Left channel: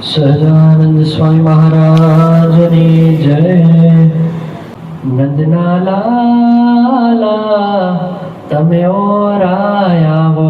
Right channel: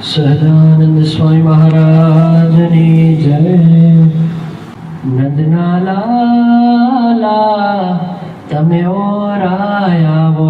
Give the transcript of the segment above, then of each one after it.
સહજાનંદ સ્વામી મહારાજની જય. નંદના લાલા તમે ઓરાયાવો,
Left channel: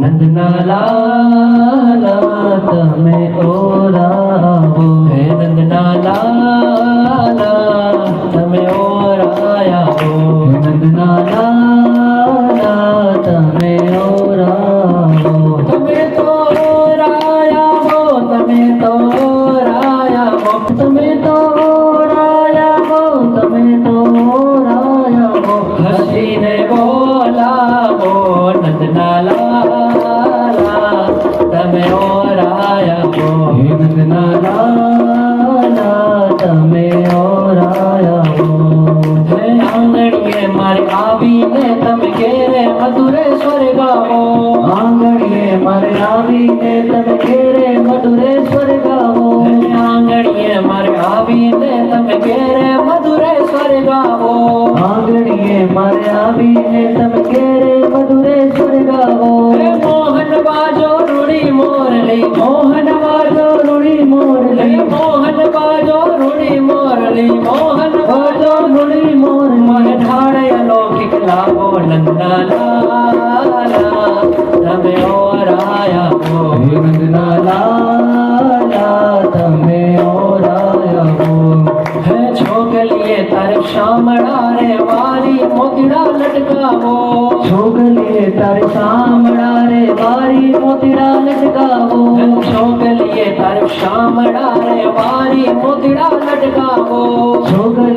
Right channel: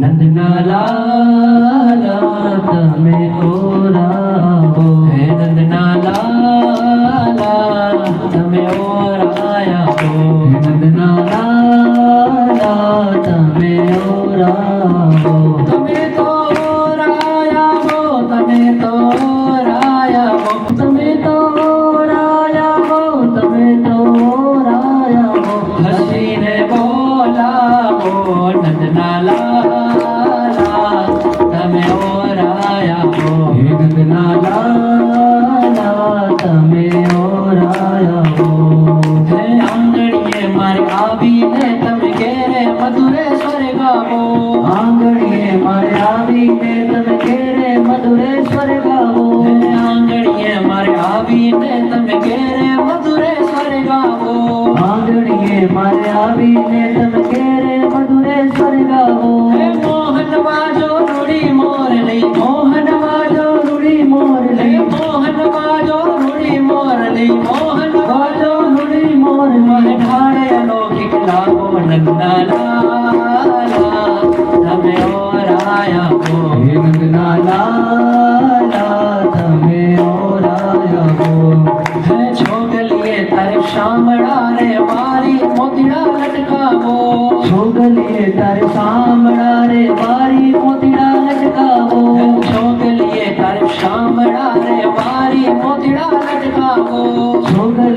નંદના લાલા તમે ઓરાવો, હે નંદના લાલા તમે ઓરાયાવો, હે નંદના લાલા તમે ઓરાવો. તમે તો ઓરાયાવો, તમે તો ઓરાયાવો, તમે તો ઓરાયાવો, તમે તો ઓરાયાવો. હસીને બોલાવો નંદના લાલા તમે ઓરાયાવો, હે નંદના લાલા તમે ઓરાયાવો. હે આંગણીએ મારે આવીને તમે ઘેરે મધુરેશ્વર ગાવો, આંગણીએ મારે આવીને તમે ઘેરે મધુરેશ્વર ગાવો, આંગણીએ મારે આવીને તમે ઘેરે મધુરેશ્વર ગાવો, આંગણીએ મારે આવીને તમે ઘેરે મધુરેશ્વર ગાવો. મોહન બાજો રૂડી મોરલી, મોહન બાજો રૂડી મોરલી, મોહન બાજો રૂડી મોરલી, મોહન બાજો રૂડી મોરલી. મને ઢાળે અલૌકિક લાગો નંદના લાલા તમે ઓરાયાવો, હે નંદના લાલા તમે ઓરાયાવો. હે છોગલીએ તારે શામળા રે વારી મોતીડા લટકાવો, છોગલીએ તારે શામળા રે વારી મોતીડા લટકાવો, છોગલીએ તારે શામળા રે વારી મોતીડા લટકાવો, છોગલીએ